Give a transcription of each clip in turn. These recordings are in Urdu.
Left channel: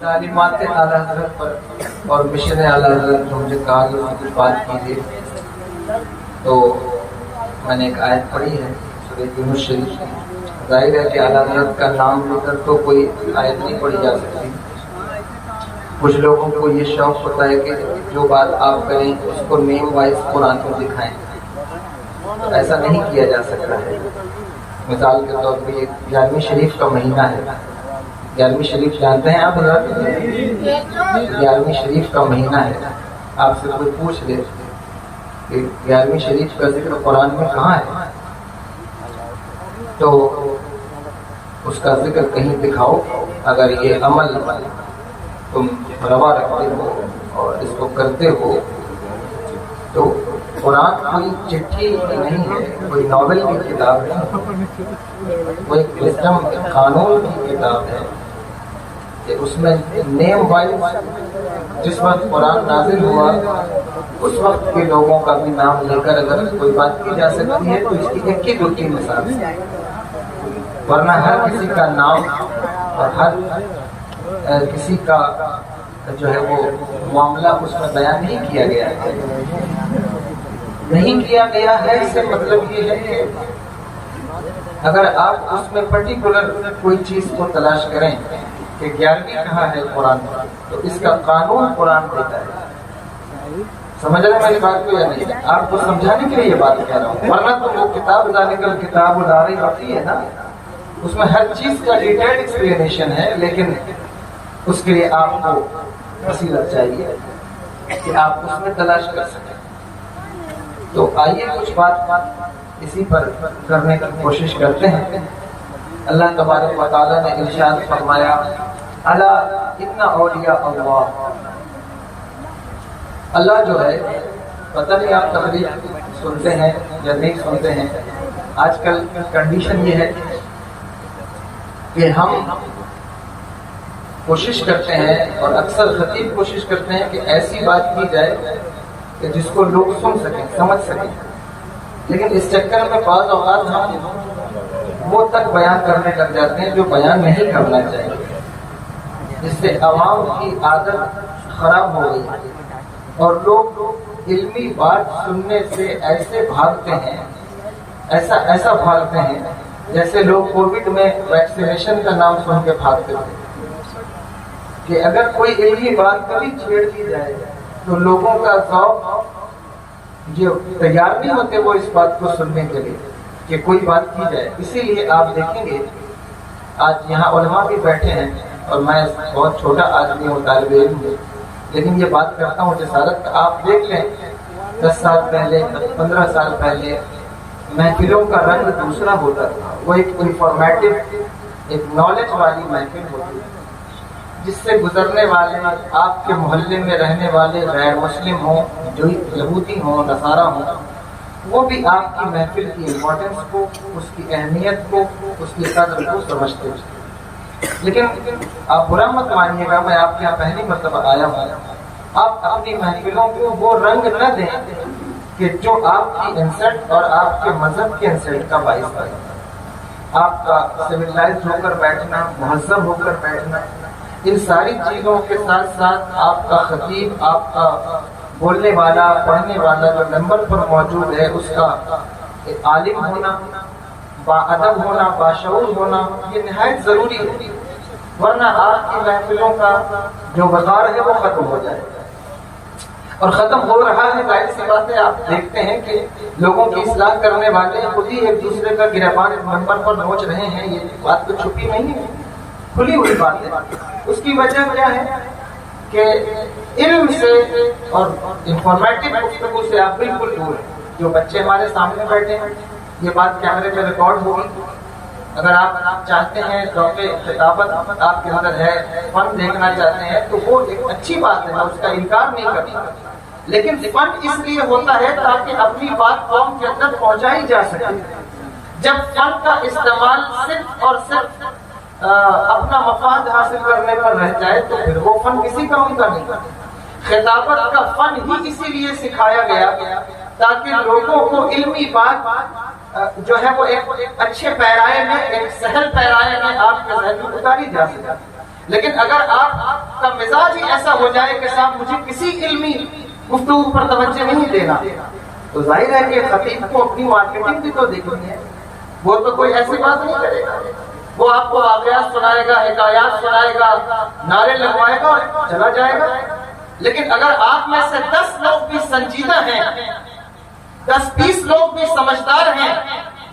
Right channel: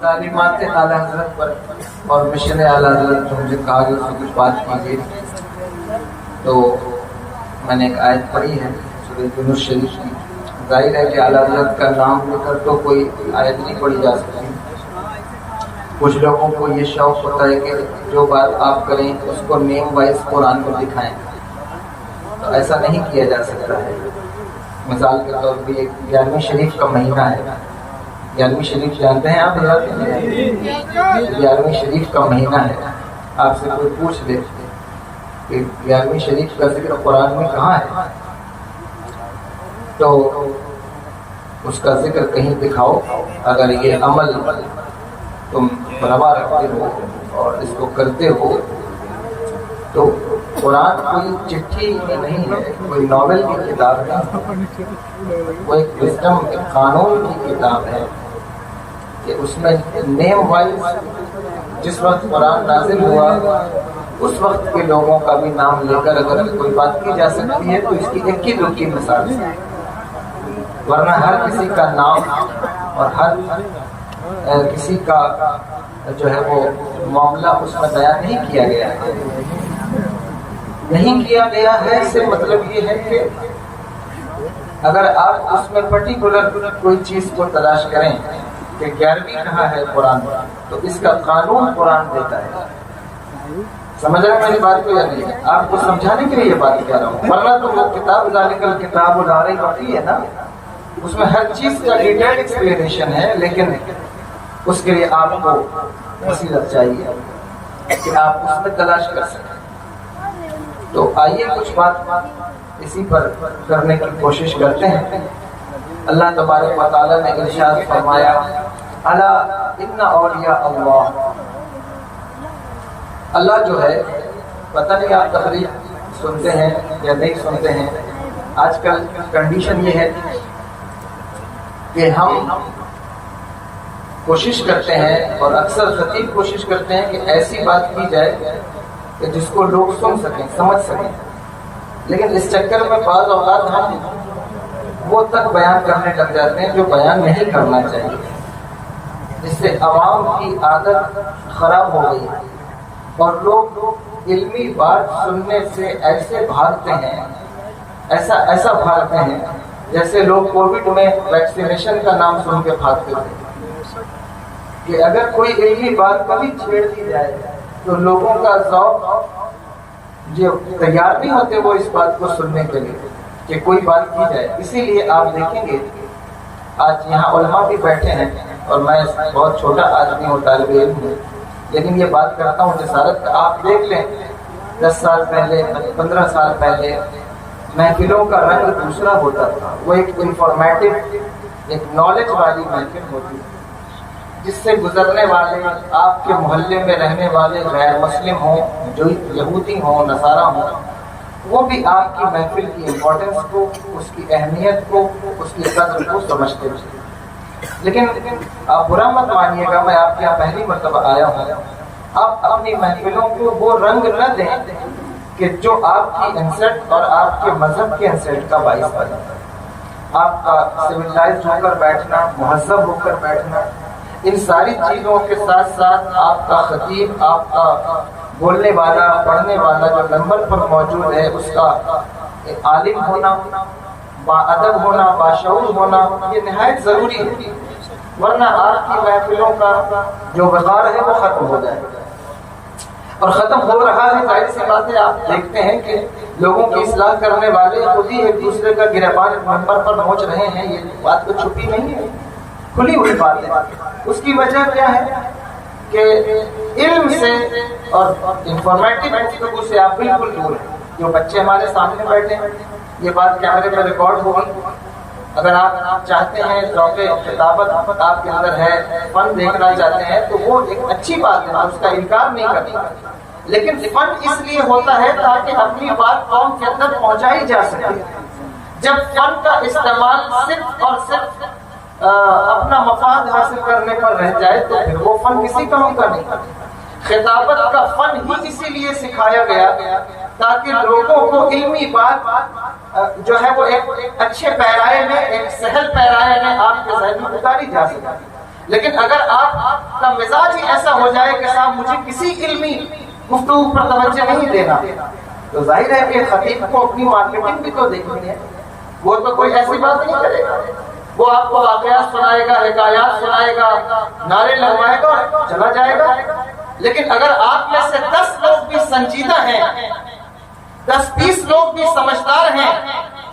تعلیمات اعلیٰ حضرت پر اور مشن اعلیٰ حضرت جو مجھے کہا گیا کہ کچھ بات کیجیے، تو میں نے ایک آیت پڑھی ہے سورہ یونس شریف کی. ظاہر ہے کہ اعلیٰ حضرت کا نام لے کر تو کوئی آیت نہیں پڑھی جا سکتی. کچھ لوگوں کو یہ شوق ہوتا ہے کہ جو بات آپ کریں اس کو نیم وائز قرآن کو دکھائیں، تو ایسا نہیں کیا جا سکتا ہے. مثال کے طور پہ 11ویں شریف کا مہینہ ہے. 11ویں شریف جانتے ہیں آپ حضرات؟ 11ویں شریف کا مہینہ ہے. آپ سے کوئی پوچھ لے کہ 11ویں شریف کا ذکر قرآن میں کہاں ہے، تو اس کا ذکر کہیں دکھاؤ. اگر یہ عمل تم روا رکھتے ہو اور اس کو کرتے ہو تو قرآن کوئی چٹھی نہیں ہے، کوئی ناول کی کتاب ہے، کوئی وزڈم قانون کی کتاب ہے کہ اس میں نیم وائز جس وقت قرآن نازل ہوا اس وقت کے لوگوں کا بھی نام لے کر اگر کوئی بات کی جا سکتی ہے تو اس کی ایک ہی دو تین مثال ہے. ورنہ ہر کسی کا نام اور ہر کسی کا جو ہے وہ معاملہ اس میں بیان نہیں کیا گیا ہے. نہیں کیا گیا ہے اس سے مطلب یہ ہے کہ اگر آپ اس میں پرٹیکولر کوئی چیز کو تلاش کریں کہ 11ویں کہاں ہے قرآن میں، تو اس کا قانون قرآن دیتا ہے. سمجھ رہے ہیں میری بات کو یا نہیں؟ آپ کو سمجھانے کے لیے یہ بات کہہ رہا ہوں. ورنہ تو جو کتاب ذالک الکتاب لا ریب فیہ ہے نا، اس میں ہر چیز کا ڈیٹیل ایکسپلینیشن ہے، لیکن اس کے لیے آپ کو بصیرت چاہیے کہ آپ اس میں تلاش کر سکیں. تو آئیے کچھ بات اسی پر کرنے کی کوشش کرتے ہیں. اللہ تبارک و تعالیٰ نے ارشاد فرمایا الا ان اولیاء اللہ. اللہ جو ہے، پتہ نہیں آپ تقریر سنتے ہیں یا نہیں سنتے ہیں. آج کل کنڈیشن یہ ہے کہ ہم کوشش کرتے ہیں اور اکثر خطیب کوشش کرتے ہیں کہ ایسی بات کی جائے کہ جس کو لوگ سن سکیں، سمجھ سکیں، لیکن اس چکر میں بعض اوقات ہم وہ تک بیان کرنے لگ جاتے ہیں جو بیان نہیں کرنا چاہیے، جس سے عوام کی عادت خراب ہو گئی ہے اور لوگ علمی بات سننے سے ایسے بھاگتے ہیں، ایسا بھاگتے ہیں جیسے لوگ کووڈ میں ویکسینیشن کا نام سن کے بھاگتے تھے کہ اگر کوئی علمی بات کبھی چھیڑ دی جائے تو لوگوں کا ذوق جو تیار نہیں ہوتے وہ اس بات کو سننے کے لیے کہ کوئی بات کی جائے. اسی لیے آپ دیکھیں گے آج یہاں علماء بھی بیٹھے ہیں اور میں بہت چھوٹا آدمی ہوں، طالب علم ہوں، لیکن یہ بات کرتا ہوں جسارت. آپ دیکھ لیں 10 سال پہلے 15 سال پہلے محفلوں کا رنگ دوسرا ہوتا تھا. وہ ایک انفارمیٹو، ایک نالج والی محفل ہوتی ہے جس سے گزرنے والے آپ کے محلے میں رہنے والے غیر مسلم ہوں، جو یہودی ہوں، نصارہ ہوں، وہ بھی آپ کی محفل کی امپورٹنس کو، اس کی اہمیت کو، اس کی قدر کو سمجھتے ہیں. لیکن آپ برا مت مانیے گا، میں آپ کے یہاں پہلی مرتبہ آیا ہوں. آپ اپنی محفلوں کو وہ رنگ نہ دیں کہ جو آپ کی انسلٹ اور آپ کے مذہب کے انسلٹ کا باعث بنے. آپ کا سویلائزڈ ہو کر بیٹھنا، مہذب ہو کر بیٹھنا، ان ساری چیزوں کے ساتھ ساتھ آپ کا خطیب، آپ کا بولنے والا، پڑھنے والا جو نمبر پر موجود ہے اس کا عالم ہونا، با ادب ہونا، باشعور ہونا، یہ نہایت ضروری ہے. ورنہ آپ کی محفلوں کا جو وقار ہے وہ ختم ہو جائے گا. اور ختم ہو رہا ہے، ظاہر سی بات ہے. آپ دیکھتے ہیں کہ لوگوں کی اصلاح کرنے والے خود ہی ایک دوسرے کا گریبان نمبر پر نوچ رہے ہیں. یہ بات تو چھپی نہیں ہے، کھلی ہوئی بات ہے. اس کی وجہ کیا ہے کہ علم سے اور انفارمیٹو گفتگو سے آپ بالکل دور ہیں. جو بچے ہمارے سامنے بیٹھے ہیں، یہ بات کیمرے میں ریکارڈ ہوگی. اگر آپ چاہتے ہیں ذوق خطابت آپ کے اندر ہے، فن دیکھنا چاہتے ہیں تو وہ ایک اچھی بات ہے، اس کا انکار نہیں کرتا. لیکن فن اس لیے ہوتا ہے تاکہ اپنی بات قوم کے اندر پہنچائی جا سکے. جب فن کا استعمال صرف اور صرف اپنا مفاد حاصل کرنے پر رہ جائے تو پھر وہ فن کسی کام کا نہیں. خطابت کا فن ہی اسی لیے سکھایا گیا تاکہ لوگوں کو علمی بات جو ہے وہ ایک اچھے پیرائے میں، ایک سہل پیرائے میں آپ کے ذہن میں اتاری جا سکے. لیکن اگر آپ کا مزاج ہی ایسا ہو جائے کہ صاحب مجھے کسی علمی گفتگو پر توجہ نہیں دینا، تو ظاہر ہے کہ خطیب کو اپنی مارکیٹنگ بھی تو دیکھنی ہے. وہ تو کوئی ایسی بات نہیں کرے گا، وہ آپ کو واقعات سنائے گا، حکایات سنائے گا، نعرے لگوائے گا، چلا جائے گا. لیکن اگر آپ میں سے 10 لوگ بھی سنجیدہ ہیں، 10-20 لوگ بھی سمجھدار ہیں،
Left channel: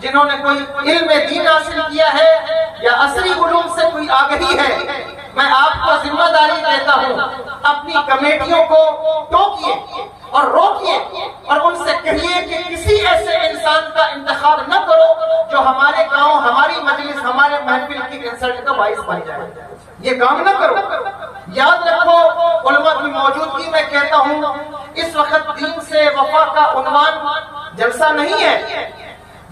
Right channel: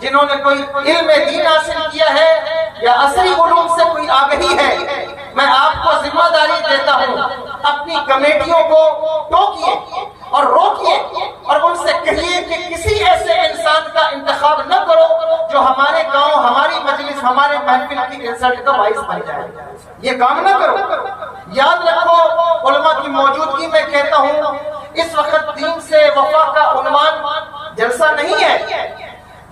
جنہوں نے کوئی علم دین حاصل کیا ہے یا عصری علوم سے کوئی آگہی ہے، میں آپ کو ذمہ داری دیتا ہوں، اپنی کمیٹیوں کو ٹوکیے اور روکیے اور ان سے کہیے کہ کسی ایسے انسان کا انتخاب نہ کرو جو ہمارے گاؤں، ہماری مجلس، ہمارے محفل کی انسلٹ کا باعث بن جائے. یہ کام نہ کرو. یاد رکھو، علماء کی موجودگی میں کہتا ہوں، اس وقت دین سے وفا کا عنوان جلسہ نہیں ہے.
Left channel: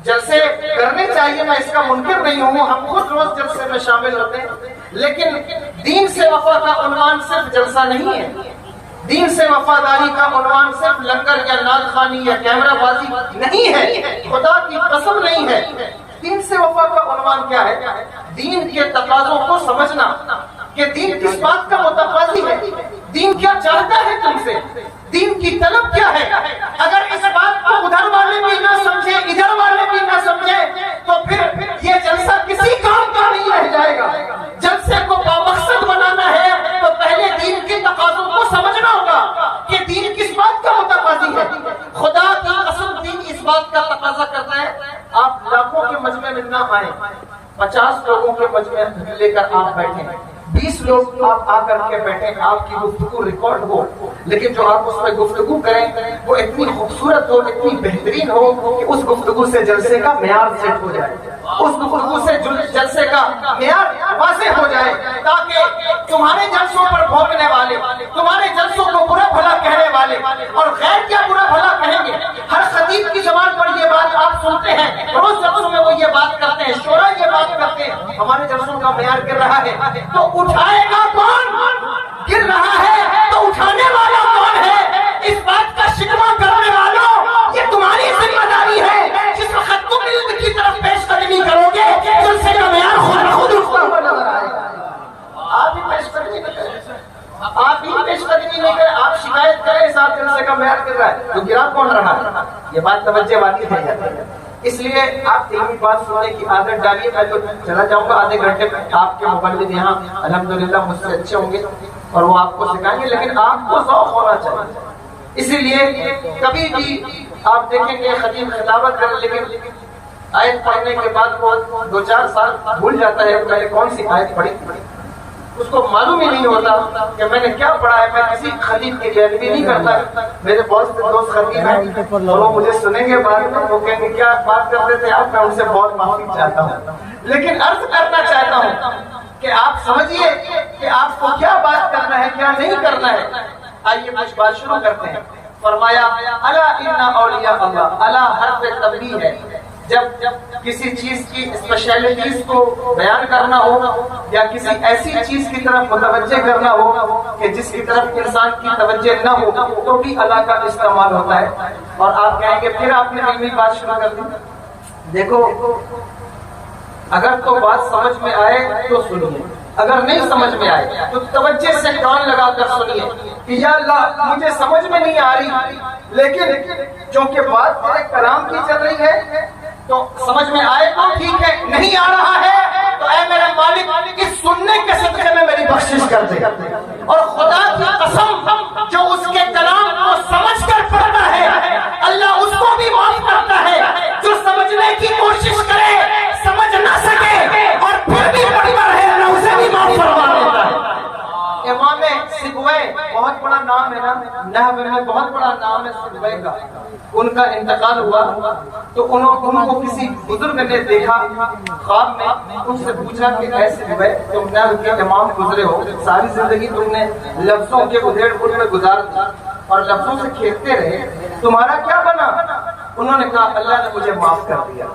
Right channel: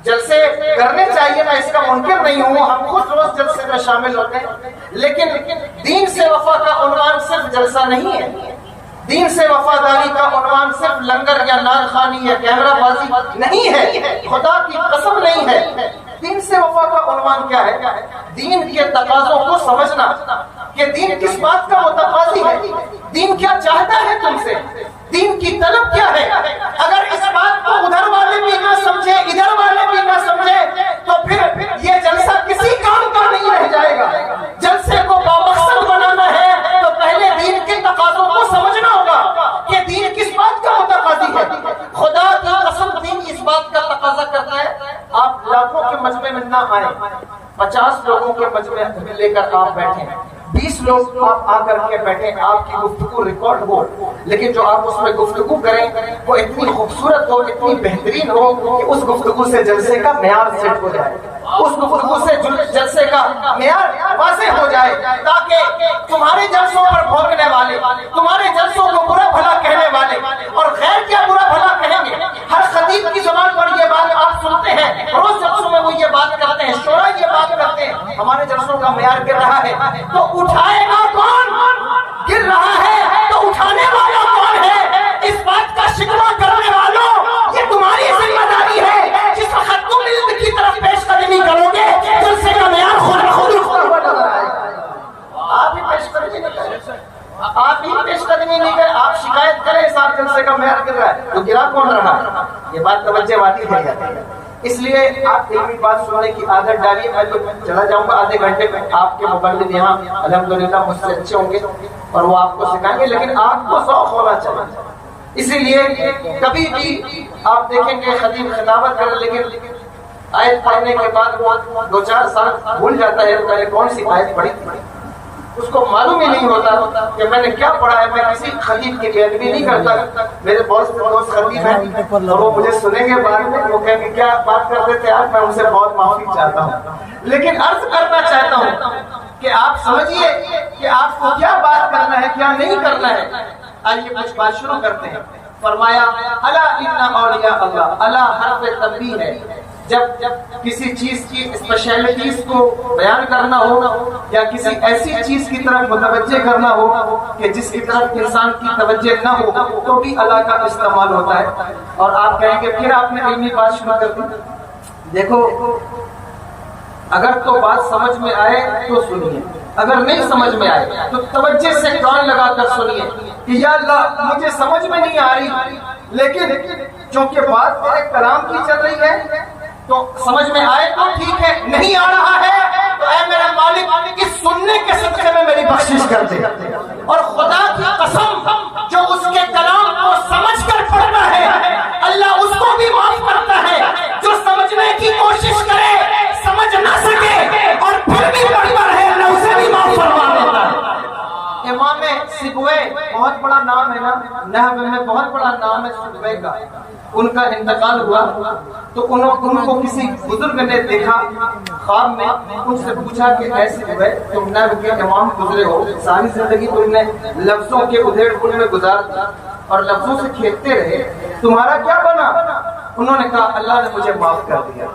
جلسے کرنے چاہیے، میں اس کا منکر نہیں ہوں، ہم خود روز جلسے میں شامل ہوتے ہیں، لیکن دین سے وفا کا عنوان صرف جلسہ نہیں ہے. دین سے وفاداری کا عنوان صرف لنگر یا نعت خوانی یا کیمرہ بازی نہیں ہے، خدا کی قسم نہیں ہے. دین سے وفا کا عنوان کیا ہے؟ دین کے تقاضوں کو سمجھنا کہ دین کس بات کا متقاضی ہے، دین کیا چاہتا ہے تم سے، دین کی طلب کیا ہے. اگر اس بات کو ادھر والے بھی نہ سمجھے، ادھر والے بھی نہ سمجھے، تو پھر یہ جلسہ کسی کام کا نہیں رہ جائے گا. جلسے کو بامقصد بنانا ہے تو پہلے دین کے تقاضوں کو سمجھنا ہوگا کہ دین کس بات کا متقاضی ہے. خدا کی قسم دین اس بات کا تقاضا کرتا ہے. آپ لاکھوں کے مجمع میں نہ آئیں، 50 لوگوں کے مجمع لے کر آپ بیٹھیں، 20 لوگ آپ آ کر کے بیٹھیں، آپ کی گفتگو ریکارڈ ہو، لیکن جو آپ اس میں گفتگو کریں وہ اتنی خوبصورت ہو، اتنی بہترین ہو کہ اس گفتگو سے جلسے کا معیار سیٹ ہو جائے، اس گفتگو سے جلسے کا معیار واضح ہو جائے، تاکہ تمہارے جلسوں پر بھونکنے والے، تمہارے جلسوں کو برا بھلا کہنے والے اور غیر کیا برا بھلا کہیں گے. ہر خطیب کی زبان پر یہ بات آپ سنتے ہیں، روز جلسوں میں وہ یہ بات کرتے ہیں، شورا یہ بات کرتے ہیں، ہمارے جلسوں کا معیار گر رہا ہے. تو اٹھائے گا کون؟ گر رہا ہے تو اٹھانے والا کون ہے؟ اس بات کا شکوہ کرنے والوں، یہ تمہاری ذمہ داری ہے. جس وقت تم علم کی طرف پیش قدمی کرو گے تو اس سے کا معیار خود رکھتا ہوا نظر آئے گا. آپ ہی پیش قدمی نہیں کریں، آپ ہی پیش قدمی نہیں کریں، آپ شکایت کریں صاحب جلسے کا معیار گر رہا ہے، تو گرا کون رہا ہے؟ یہ بات توجہ والی ہے جاتی ہے. اس لیے آپ علمی بات سننے کی عادت ڈالیے. میں تو چلا جاؤں گا آدھے گھنٹے میں، آپ کے مبلغ یہاں الحمدللہ مجھ سے اچھے ہوں گے اور وہ آپ کو سکھائیں گے، لیکن آپ کو ذوق ہونا چاہیے. اسی لیے کبھی بھی آپ دیکھیں گے خطیب خطابت کر، لیکن آیت پڑھنے کے بعد وہ 2-4 سال بھول جاتا ہے میں نے کون سی آیت پڑھی، اس کو معلوم ہی نہیں ہوتا کہ میں نے کیا پڑھا ہے. میں کسی خطیب کی بےادبی نہیں کرتا، میرے بہت سے دوست خطیب ہیں وہ مجھے سنیں گے بعد میں، وہ کہیں گے کیا بات کرتے تھے آپ، میں ان سے بہت معافی چاہتا ہوں. لیکن عرض کرنا چاہتا ہوں کہ آپ سمجھیے کہ آپ کو کیا بات کرنا ہے، کیا نہیں کرنا ہے. آئیے کچھ بات شروع کرتے ہیں. فرمایا الا ان اولیاء اللہ، الا حرف تنبیہ ہے. جب کسی چیز کی اسپیشلٹیز کو بیان کرنا ہو یا کسی ایسی چیز کی طرف متوجہ کرنا ہو کہ جس کی طرف انسان کی توجہ نہ ہو، تو بھی اللہ کا استعمال ہوتا ہے. اور آپ کہیں گے پھر آپ نے علمی بات شروع کر دی. دیکھو، اگر تو بات سمجھ میں آئے تو سنیے، اگر نہیں سمجھ میں آئے تو توجہ سے کان لگا کر سنیے کہ یا اللہ مجھے سمجھ میں نہیں آ رہی، لیکن چونکہ بات تیرے کلام کی چل رہی ہے تو سمجھ میں آئے تو ٹھیک ہے، نہیں آ رہا ہے تو اے میرا مالک اس سننے کے صدقے میں میری بخشش کر دے. اور خدا کی قسم جو اس کے کلام کو سمجھ کر پڑھتا ہے اللہ اس کو بھی معاف کرتا ہے. جو سمجھنے کی کوشش کرے سمجھ نہ سکے اور پھر بھی پڑھتا ہے اللہ اسے بھی معاف فرما دیتا ہے. امام سبوی بہت بڑا نام ہے نا، نحو میں بہت بڑا نام ہے سبوی کا. ان کا انتقال ہوا تو ان کو کسی بزرگ نے دیکھا خواب میں، ان سے پوچھا کہ اے سبوی تم نحو کے امام گزرے ہو، ساری زندگی تم نے لفظوں کے ادھیڑ بن میں گزار دی اور لفظوں سے کھیلتے رہے، تمہارا کیا بنا؟ انہوں نے کہا اللہ نے مجھے معاف کر دیا.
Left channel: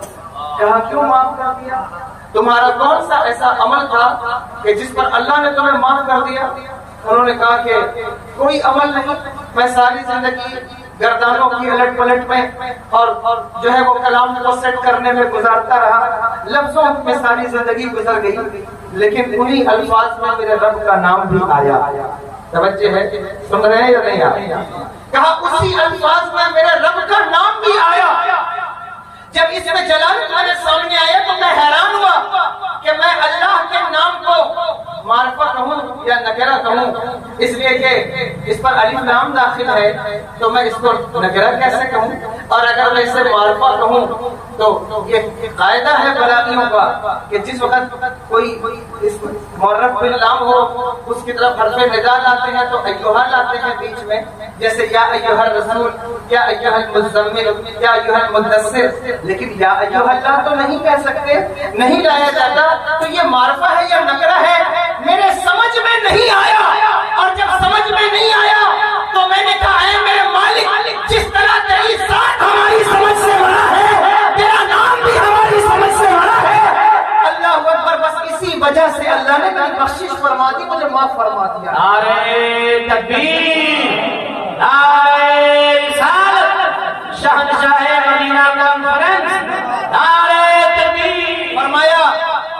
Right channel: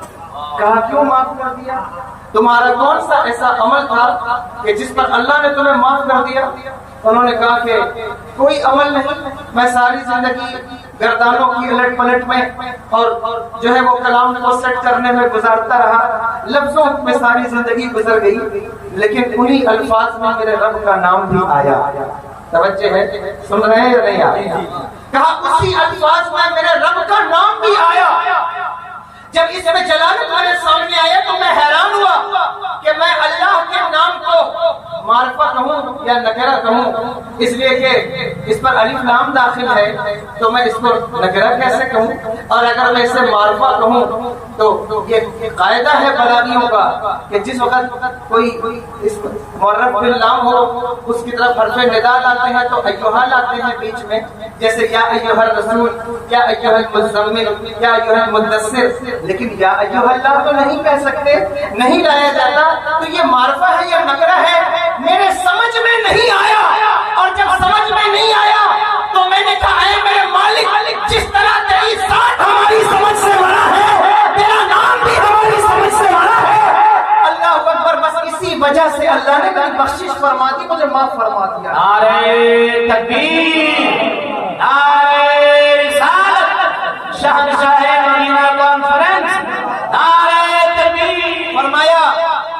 کہا کیوں معاف کر دیا؟ تمہارا کون سا ایسا عمل تھا کہ جس پر اللہ نے تمہیں معاف کر دیا؟ انہوں نے کہا کہ کوئی عمل نہیں، میں ساری زندگی گردانوں کی الٹ پلٹ میں اور جو ہے وہ کلام کو سیٹ کرنے میں گزارتا رہا، لفظوں میں ساری زندگی گزر گئی، لیکن انہی الفاظ میں میرے رب کا نام بھی آیا۔ توجہ ہے، سن رہے ہیں یا نہیں آیا؟ کہا اسی الفاظ میں میرے رب کا نام بھی آیا۔ جب اس میں جلالت میرے سامنے آیا تو میں حیران ہوا کہ میں اللہ کے نام کو معرفہ کہوں یا نکرہ کہوں، اس لیے کہ اس پر الف لام داخل ہے تو میں اس کو نکرہ کیسے کہوں، اور اگر میں اسے معرفہ کہوں تو یہ قاعدہ ہے بلاغیوں کا کہ جس وقت کوئی اس معرف باللام ہو اس کی طرف حرف ندا لاتے ہیں تو ایھا لاتے ہیں بیچ میں، جیسے یا ایھا الرسول، یا ایھا المزمل، یا ایھا المدثر، لیکن یا ایھا اللہ تو نہیں کہہ سکتے، نہیں لایا جاتا، تو یہ معرفہ ہے یا نکرہ ہے؟ میرے سمجھ میں نہیں آیا، اور جب سمجھ میں نہیں آیا تو میں نے کہا اے میرے مالک، جس طرح تیری ذات ہماری سمجھ سے بڑا ہے، تیرا نام بھی ہماری سمجھ سے بڑا ہے۔ اللہ اکبر، بس اسی وجہ سے اللہ نے میری بخشش فرما دی، مجھے معاف فرما دیا۔ نعرہ تکبیر، نعرہ رسالت، شہنشاہ مدینہ کانفرنس، نعرہ تکبیر۔ فرمایا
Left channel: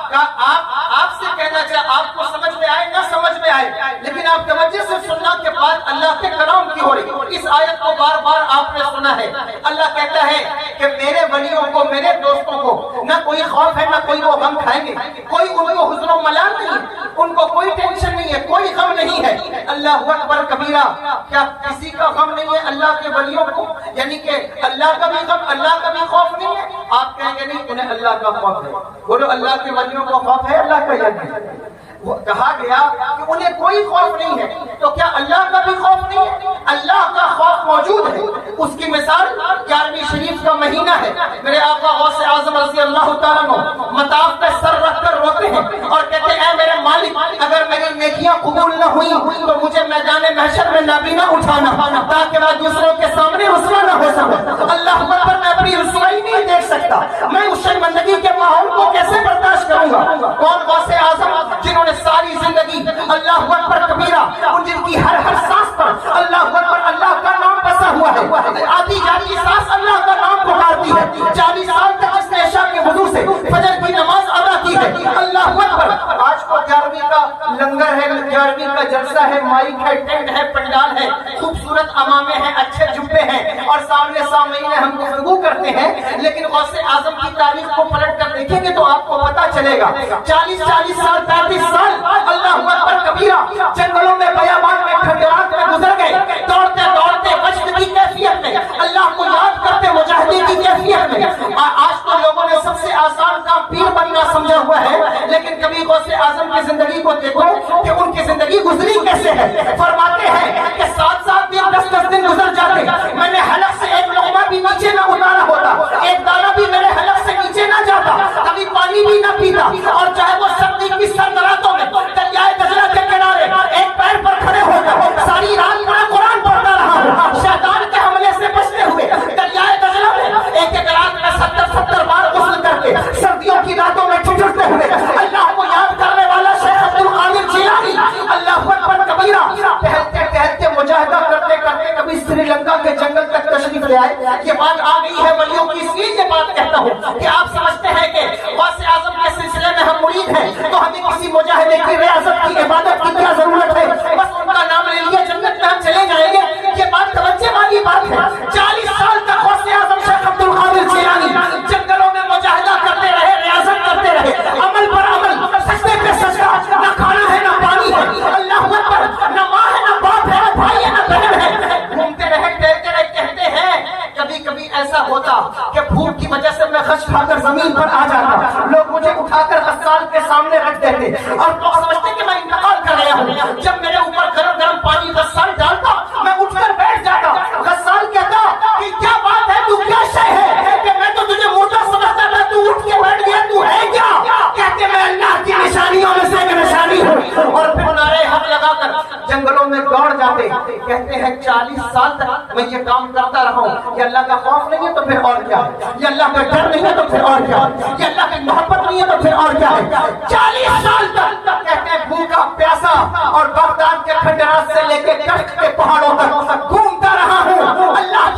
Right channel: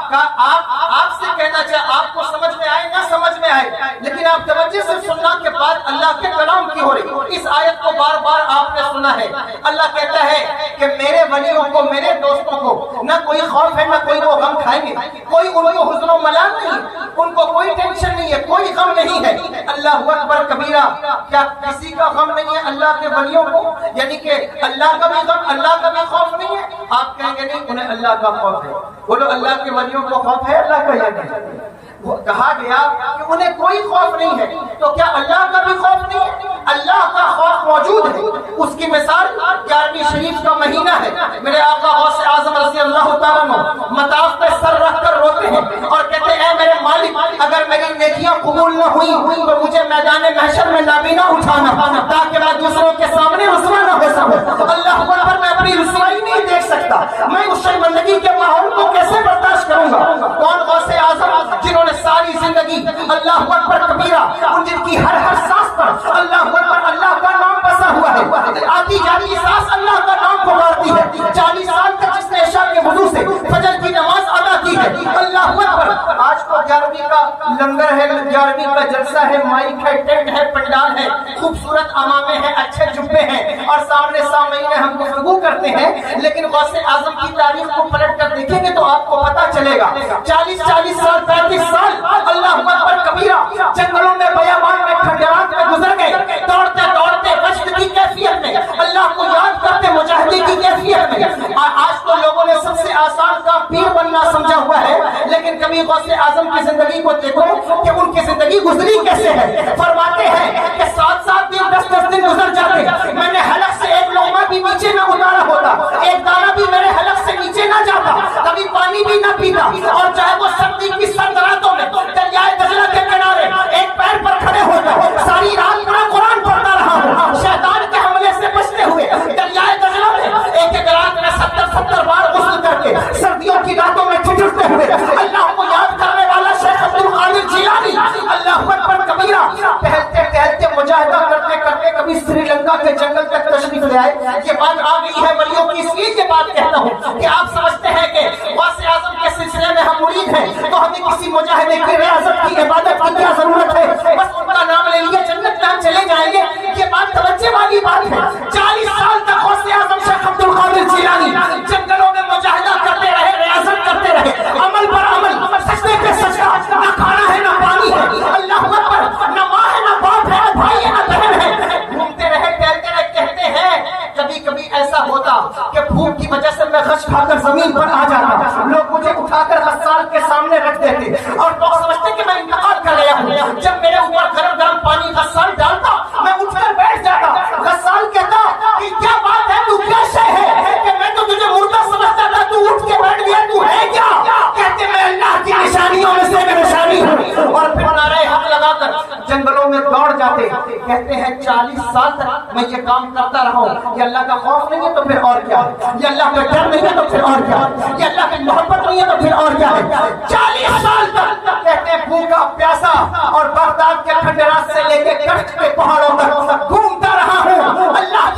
کہ آپ سے کہنا چاہے آپ کو سمجھ میں آئے نہ سمجھ میں آئے، لیکن آپ توجہ سے سننا کہ بات اللہ کے کلام کی ہو رہی۔ اس آیت کو بار بار آپ نے سنا ہے، اللہ کہتا ہے کہ میرے ولیوں کو، میرے دوستوں کو نہ کوئی خوف ہے، نہ کوئی وہ غم کھائیں گے، کوئی ان کو حزن و ملال نہیں، ان کو کوئی ٹینشن نہیں ہے، کوئی غم نہیں ہے۔ اللہ اکبر کبیرہ، کیا کسی کا غم نہیں ہے اللہ کے ولیوں کو؟ یعنی کہ اللہ کا بھی غم، اللہ کا بھی خوف نہیں ہے؟ آپ کہیں گے نہیں، انہیں اللہ کا خوف ہے۔ بولو اللہ کے ولیوں کو خوف ہے اللہ کا یا نہیں؟ وہ کہا گیا کہ انہیں کوئی خوف نہیں ہے، تو کیا اللہ کا بھی خوف نہیں ہے؟ اللہ کا خوف موجود ہے۔ اس کی مثال 11ویں شریف کا مہینہ ہے، میرے آقا غوث اعظم رضی اللہ تعالیٰ عنہ مطاف پہ سر رکھ کر روتے ہیں اور کہتے ہیں اے میرے مالک، اگر میری نیکیاں قبول نہ ہوئی تو مجھے میدان محشر میں نابینا اٹھانا تاکہ میں دوسروں کے سامنے رسوا نہ ہو سکوں۔ اللہ اکبر، میں اپنی رسوائی نہیں دیکھ سکتا، میں اس شرمندگی کے ماحول کو کیسے برداشت کروں گا؟ کون غوث اعظم جنہوں نے ساری زندگی اللہ اکبر کبیرہ، ان کی ہر سانس پر اللہ اکبر اللہ کا نام بسا ہوا ہے، آتی جاتی سانس اللہ کا نام پکارتی ہے۔ 40 سال تک جس نے عشاء کے وضو سے فجر کی نماز ادا کی ہے، اللہ اکبر۔ آج تو 11ویں کا لنگر ہے، 11ویں کا جلسہ ہے، مائک ہے، ٹینٹ ہے، پنڈال ہے، خوبصورت امامے ہیں، اچھے جبے ہیں، اور سامنے سامعین ہم گفتگو کرتے ہیں، لیکن غوث اعظم کی تاریخ کو پلٹ کر دیکھیں گے تو آپ کو پتا چلے گا 40 سال 35 سال اللہ اکبر کبیرہ جنگلوں میں، بیابان میں، کھنڈرات میں گزر گئے، دوڑتے دوڑتے وجد کی کیفیت میں، اللہ کو یاد کرتے مجاہدی کی کیفیت میں۔ آج تو لوگوں نے سب سے آسان کام پیر بننا سمجھا ہوا ہے، لیکن کبھی غوث اعظم کی زندگی کو دیکھو کہ ان کی زندگی گزری کیسے ہے۔ فرماتے ہیں کہ 7 دن 10 دن گزر جاتے، میں نے حلق سے ایک لقمہ بھی نیچے نہ اتارا ہوتا، ایک دانہ بھی میرے حلق سے نیچے نہ جاتا، کبھی پانی بھی نہ پیتا، اور چاہے وہ سردی کی سرد راتوں میں دریائے دجلہ کے کنارے ایک پیر پر کھڑے ہو کر ساری رات میں قرآن پڑھتا رہا ہوں، شیطان کے حملے سے بچتے ہوئے دریائے دجلہ میں ایک رات میں 70 بار غسل کر کے سردیوں کی راتوں میں ٹھٹرتے ہوئے اللہ کو یاد کرنے والا شیخ عبد القادر جیلانی اللہ اکبر کبیرہ ٹہلتے ٹہلتے مجاہدہ کرتے کرتے کبھی سری لنکا کے جنگل تک تشریف لے آئے۔ یہ بات آ گئی ہے ولیوں کی، اس لیے یہ بات کہتا ہوں کہ آپ سمجھتے ہیں کہ غوث اعظم کے سلسلے میں ہم مرید ہیں تو ہمیں کسی مجاہدے کی ریاضت کی عبادت کی کیا ضرورت ہے؟ بس ان کا نام لے لیا جنت میں ہم چلے جائیں گے؟ یہ بات توجہ والی بات ہے۔ 40 سال تک غوث اعظم شیخ عبد القادر جیلانی جنگلوں میں مجاہدہ کرتے رہے، ریاضت کرتے رہے، عمل پر عمل، سجدے پہ سجدہ، نہ کھانا ہے نہ پانی ہے، اللہ اکبر، نہ ماں ہے نہ باپ ہے، نہ بھائی ہے نہ بہن ہے، گھومتے رہے ٹہلتے رہے۔ کہتے ہیں کبھی کبھی ایسا ہوتا کہ بھوک کی وجہ سے میں خش کھا کر زمین پر آ جاتا، لوگ مجھے اٹھا کر غسال کے سامنے رکھ دیتے اور لوگ سمجھتے کہ میں انتقال کر گیا ہوں۔ جب میرے اوپر گرم گرم پانی غسال ڈالتا میں اٹھ کر بیٹھ جاتا، غسال کہتا کہ کیا بات ہے، تو کیا شے ہے کہ میں تو تجھے مردہ سمجھتا تھا، تو اٹھ کے بیٹھ گیا، تو ہے کیا؟ کہتے میں اللہ کی نشانیوں میں سے نشانی ہوں، اور پھر نعرے حق لگا کر جنگلوں میں دوڑ جاتے۔ کہتے ہیں 40 سال تک میں یہ کام کرتا رہا ہوں۔ یہ اللہ کا خوف نہیں ہے تو پھر اور کیا ہے؟ یہ اللہ کا ڈر نہیں ہے تو پھر اور کیا ہے؟ یہ اللہ کی محبت نہیں ہے تو پھر اور کیا ہے؟ 40 سال تک کہتے ہیں بھوکا پیاسا اور بغداد کے کھنڈرات سے لے کے کشت کے پہاڑوں تک گھومتا رہا ہوں، اللہ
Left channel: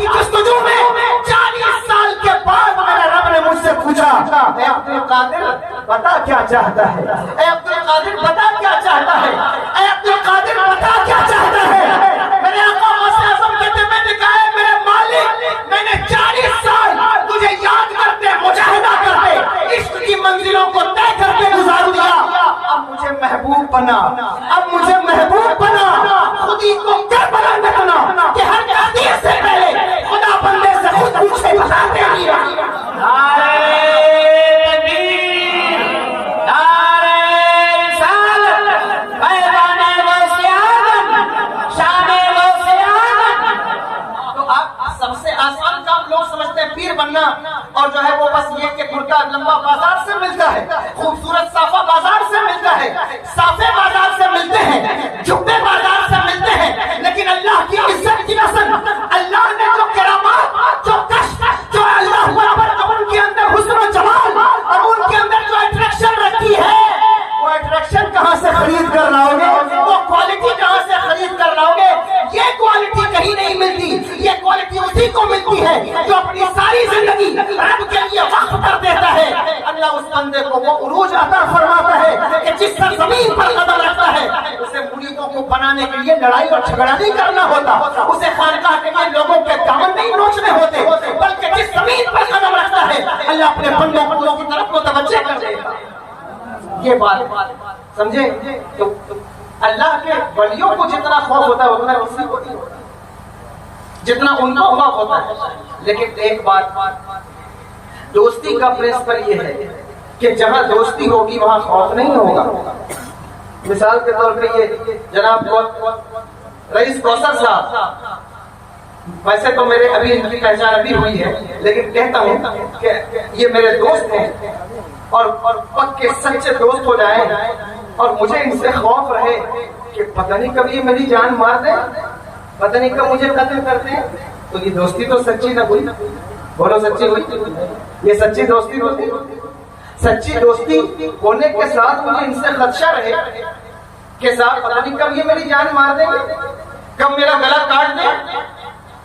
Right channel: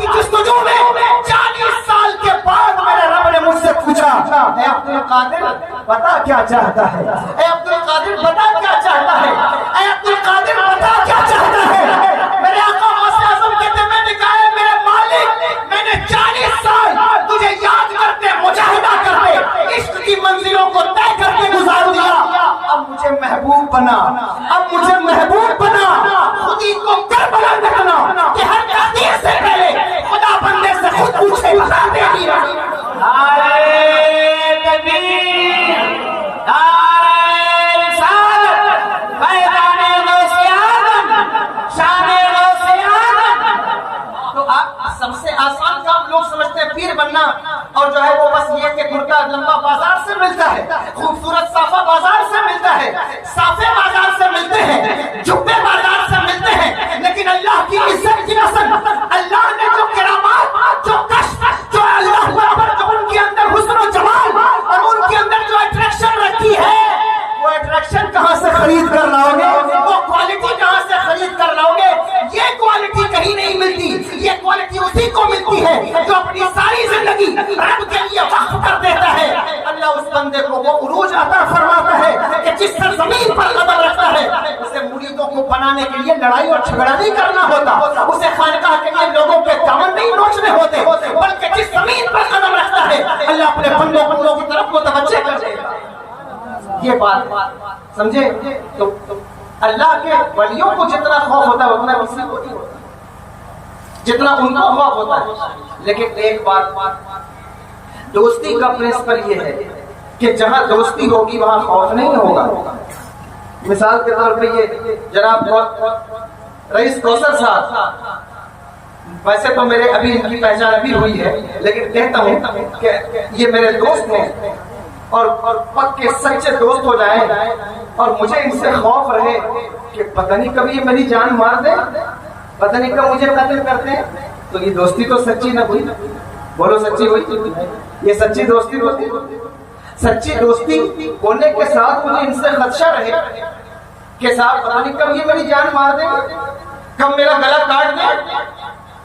وضو میں 40 سال کے بعد میرے رب نے مجھ سے پوچھا اے عبد القادر بتا کیا چاہتا ہے، اے عبد القادر بتا کیا چاہتا ہے، اے عبد القادر بتا کیا چاہتا ہے۔ میرے آقا غوث اعظم کہتے میں نے کہا ہے میرے مالک میں نے 40 سال تجھے یاد کرتے مجاہدہ کرتے عشق کی منزلوں کو طے کرتے گزار دیا، اب مجھے محبوب بنا، اب مجھے محبوب بنا، خودی کو کربلا میں بنا کہ ہر قادر سے پہلے خدا بندے سے خود پوچھے بتا دے دیا۔ نعرہ تکبیر، نعرہ رسالت، میدان غوث اعظم، شان غوث اعظم۔ تو آپ سب سے آسان کام لوگ سمجھتے ہیں پیر بننا، اور جو ہے وہ بس یہ کہ کرتا لمبا بازار سے ملتا ہے، خوبصورت صافہ بازار سے ملتا ہے، صافے بازار سے ملتے ہیں، جبے بازار سے ملتے ہیں، لیکن اللہ کی عزت کی نسل، اللہ نے جو کرامات، جو کشف، جو اللہ برابر جو ان کے اندر حسن و جمال اور ان کے اندر جو اٹریکشن رکھی ہے، وہ اٹریکشن کہاں سے خرید کر لاؤ گے، وہ کوالٹی کہاں سے خرید کر لاؤ گے؟ یہ کوالٹی کہیں نہیں ملتی، یہ کوالٹی اسی کو ملتی ہے جو اپنی ساری زندگی رب کے لیے وقف کر دیتا ہے۔ اللہ اس بندے کو وہ عروج عطا فرماتا ہے کہ جس سرزمین پر قدم رکھتا ہے اسے مریدوں کو بنانے کے لیے لڑائی اور جھگڑا نہیں کرنا ہوتا، اسے خانقاہ کے لیے لوگوں کے دامن نہیں نوچنے ہوتے، بلکہ جس زمین پر قدم رکھتا ہے اللہ اپنے بندوں کی طرف متوجہ کر دیتا ہے۔ یہ بات سمجھے؟ تو اللہ کے ولیوں کو جتنا خوف ہوتا ہے اتنا کسی کو نہیں ہوتا، جتنا ان کو خوف ہوتا ہے۔ لیکن ایک بات، دوستی کا پرنسپل یہ ہے کہ جہاں دوستی ہوگی وہاں خوف نہیں ہوگا۔ مثال کے طور پہ یہ جناب رئیس کوثر صاحب، ویسے تو میرے ابھی ان کی پہچان ابھی ہوئی ہے، لیکن کہتا ہوں کہ یہ میرے دوست ہیں اور پکے سچے دوست ہو جائیں، اور مجھے ان سے خوف رہے کہ پتہ نہیں کب یہ میری جان مار دے، پتہ نہیں کب مجھے قتل کرتے ہیں، تو یہ دوستی تو سچی نہ ہوئی۔ بولو سچی ہوئی؟ یہ سچی دوستی ہوتی؟ سچی دوستی ہونے کے ساتھ مجھے ان سے خدشہ رہے کہ صاحب پتہ نہیں کب یہ میری جان مار دیں گے، کب میرا گلا کاٹ دیں،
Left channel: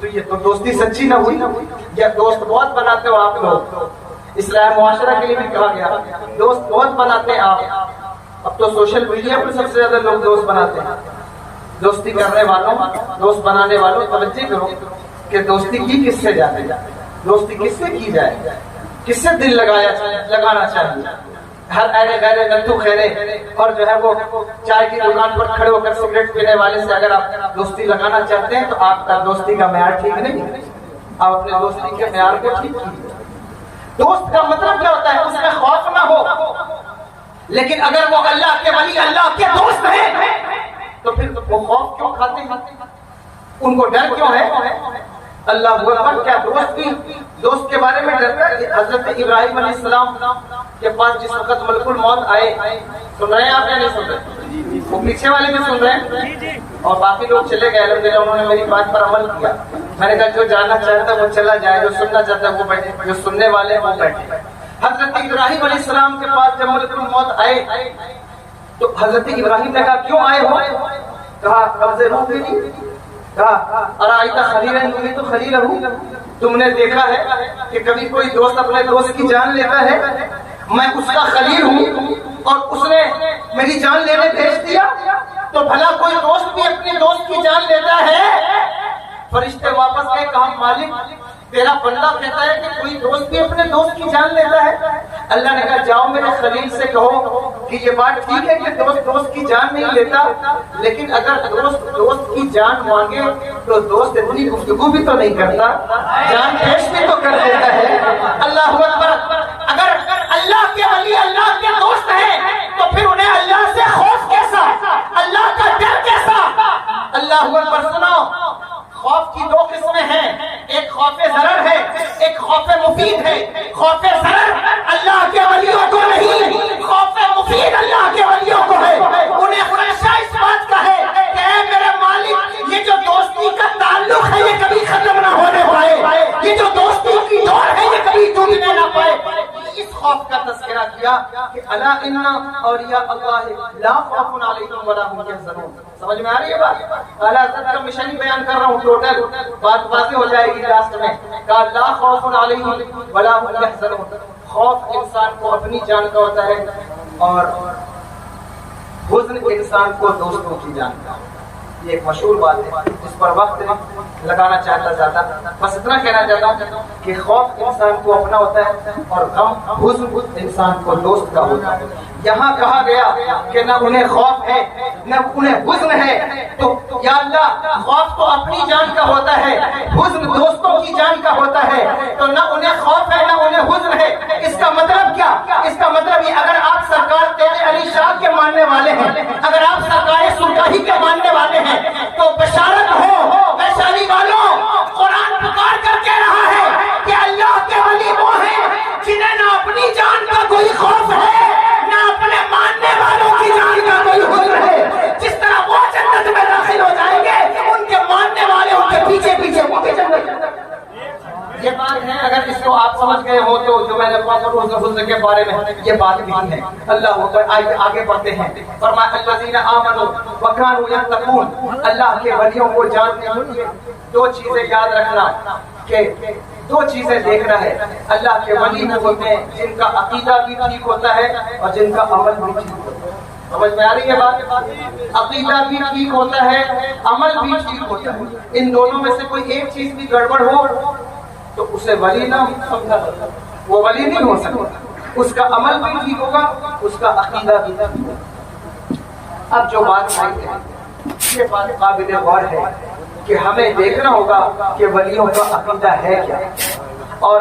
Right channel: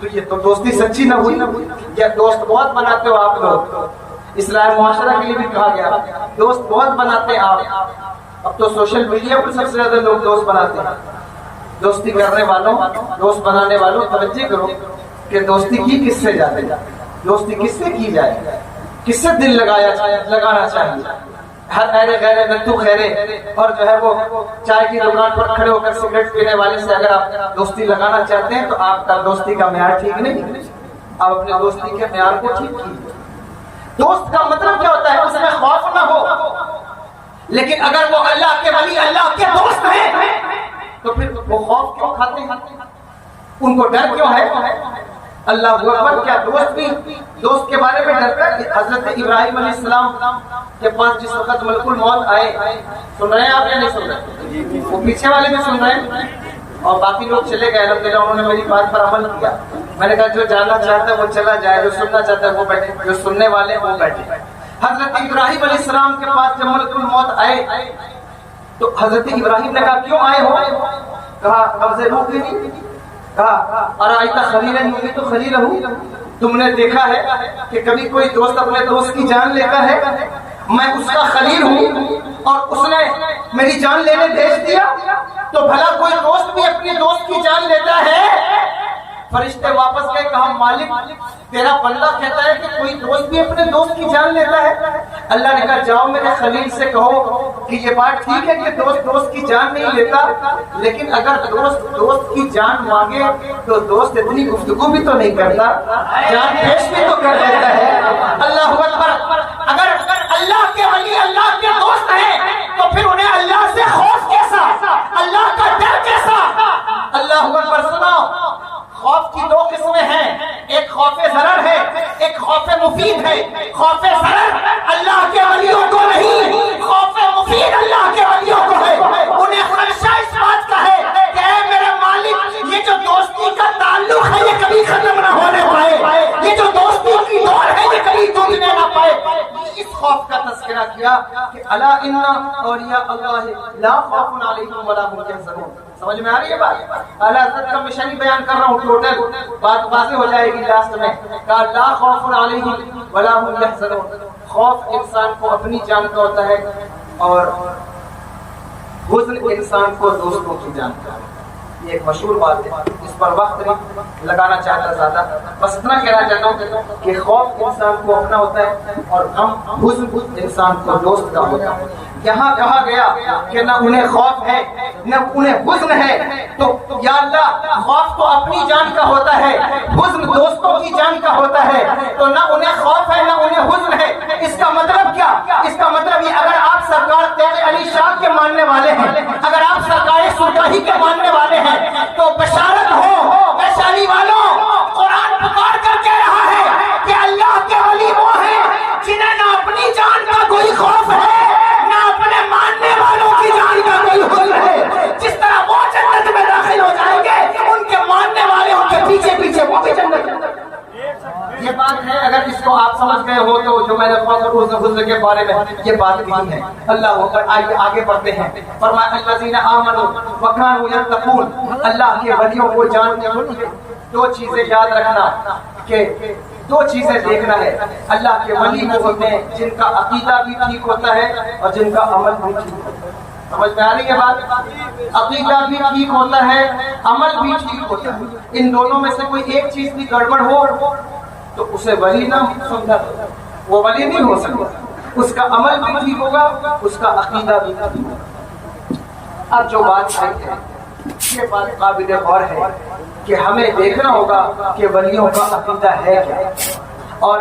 تو یہ تو دوستی سچی نہ ہوئی۔ یا دوست بہت بناتے ہو آپ لوگ، اصلاح معاشرہ کے لیے بھی کہا گیا دوست بہت بناتے ہیں آپ۔ اب تو سوشل میڈیا پر سب سے زیادہ لوگ دوست بناتے ہیں۔ دوستی کرنے والوں، دوست بنانے والوں توجہ کرو کہ دوستی کی کس سے جاتے، دوستی کس سے کی جائے، کس سے دل لگانا چاہیے۔ ہر ایرے غیرے نتو خیرے اور جو ہے وہ چائے کی دکان پر کھڑے ہو کر سگریٹ پینے والے سے اگر آپ دوستی لگانا چاہتے ہیں تو آپ کا دوستی کا معیار ٹھیک نہیں، آپ اپنے دوستی کے معیار کو ٹھیک کیجیے۔ دوست کا مطلب کیا ہوتا ہے؟ اس میں خوف نہ ہو، لیکن اگر وہ اللہ کے ولی، اللہ کے دوست ہیں تو پھر وہ خوف کیوں کھاتے ہیں؟ ان کو ڈر کیوں ہے؟ اللہ اکبر، کیا دوست بھی دوست کے بارے میں ڈرتا ہے؟ حضرت ابراہیم علیہ السلام کے پاس جس وقت ملک الموت آئے، سن رہے ہیں آپ یا نہیں سن رہے؟ وہ پیچھے والے بھی سن رہے ہیں اور باقی لوگ چلے گئے، الحمدللہ انہوں نے میری بات پر عمل کیا۔ میں نے کہا جو جاننا چاہتا ہے وہ چلا جائے، جو سننا چاہتا ہے وہ بیٹھے، جو سننے والے ہیں وہ بیٹھے۔ حضرت ابراہیم علیہ السلام کے پاس جب ملک الموت آئے تو حضرت ابراہیم نے کہا کیوں آئے ہو؟ کہا قبض روح کے لیے۔ کہا ارائیت خلیلا یموت تو خلیلہ، تم نے دیکھا ہے کہ کبھی کوئی دوست اپنے دوست کی جان لیتا ہے؟ میں اس کا خلیل ہوں اور اس نے میری جان لینے بھیج دیا، تو بھلا کوئی دوست بھی اپنے دوست کی جان لیتا ہے؟ فرشتے واپس گئے، کہا مالک تیرا بندہ کہتا ہے کہ کوئی دوست بھی اپنے دوست کی جان لیتا ہے۔ اللہ نے کہا جاؤ میرے خلیل سے کہو کہ یہ بات ٹھیک ہے کہ دوست دوست کی جان نہیں لیتا، لیکن اگر دوست دوست کی جان مانگے تو دوست اتنی گفتگو بھی تو نہیں کرتا، جان پیش بھی تو کر دیتا ہے۔ اللہ اکبر، اگر اللہ کے ولی اللہ کے دوست ہیں تو پھر انہیں اللہ سے خوف کیسا، اللہ کا ڈر کیسا؟ اللہ اکبر، سنو، خوف کی دو قسمیں ہیں، ایک خوف ضرر ہے، ایک خوف مفید ہے۔ خوف ضرر اللہ کے ولیوں کو نہیں، خوف مفید اللہ کے ولیوں کو ہے۔ انہیں خدشہ اس بات کا ہے کہ اے میرے مالک، یہ جو دوستی کا تعلق ہے یہ کبھی ختم نہ ہونے پائے، یہ جو دوستی کی دوڑ ہے یہ کبھی ٹوٹنے نہ پائے۔ اس خوف کا تذکرہ تذکرہ کیا کہ الا ان اولیاء اللہ لا خوف علیہم ولا هم یحزنون. سمجھ میں آ رہی ہے بات؟ اعلیٰ حضرت کا مشن ہی بیان کر رہا ہوں، ٹوٹل بات واضح ہو جائے گی لاسٹ میں. کہا لا خوف علیہم ولا هم یحزنون. خوف انسان کو اپنی جان کا ہوتا ہے اور حزن انسان کو دوستوں کی جان کا. یہ ایک مشہور بات ہے، اس پر وقت نہیں لگانا چاہتا زیادہ، بس اتنا کہنا چاہتا ہوں کہ خوف انسان کو اپنا ہوتا ہے اور غم حزن انسان کو دوست کا ہوتا ہے. یہاں کہا گیا کہ نہ انہیں خوف ہے نہ انہیں حزن ہے، تو یا اللہ خوف تو اپنی جان کا ہوتا ہے، حزن دوستوں کی جان کا ہوتا ہے، تو نہ انہیں خوف ہے نہ انہیں حزن ہے. اس کا مطلب کیا؟ اس کا مطلب یہ اگر آپ سرکار تیرے علی شاہ کے ماننے والے ہیں، اگر آپ سرکار سرکاہی کے ماننے والے ہیں تو بشارت ہو ویشالی والوں، قرآن پکار کر کہہ رہا ہے کہ اللہ کے ولی وہ ہیں جنہیں نہ اپنی جان کا کوئی خوف ہے نہ اپنے ماننے والوں کی جان کا کوئی حزن ہے. جس طرح وہ جنت میں داخل ہو جائیں گے ان کے ماننے والے ان کے پیچھے پیچھے وہ بھی جنت. یہ بات ہے، اگر اس کو آپ سمجھ گئے ہو تو جو میں نے حزن کے بارے میں یہ بات نہیں ہے. اللہ اکبر. آگے بڑھتے ہیں. فرمایا الذین آمنوا وکانوا یتقون. اللہ کے ولیوں کو جاننے کے لیے دو چیزیں یاد رکھنا، کہ دو چیزیں دیکھنا ہے. اللہ کے ولی وہ ہوتے ہیں جن کا عقیدہ بھی ٹھیک ہوتا ہے اور جن کا عمل بھی ٹھیک ہوتا ہے. سمجھ میں آ رہی ہے بات؟ عقیدہ بھی ٹھیک ہوتا ہے، عمل بھی ٹھیک ہوتا ہے. ان دونوں میں سے کوئی ایک چیز بھی گڑبڑ ہو تو اسے ولی نہ سمجھا، وہ ولی نہیں ہو سکتا. اس کا عمل بھی ٹھیک ہوگا، اس کا عقیدہ بھی ٹھیک ہوگا. اب جو بات آئی ہے یہ بات قابل غور ہے کہ ہمیں دیکھنا ہوگا کہ ولیوں کا عقیدہ ہے کیا، اور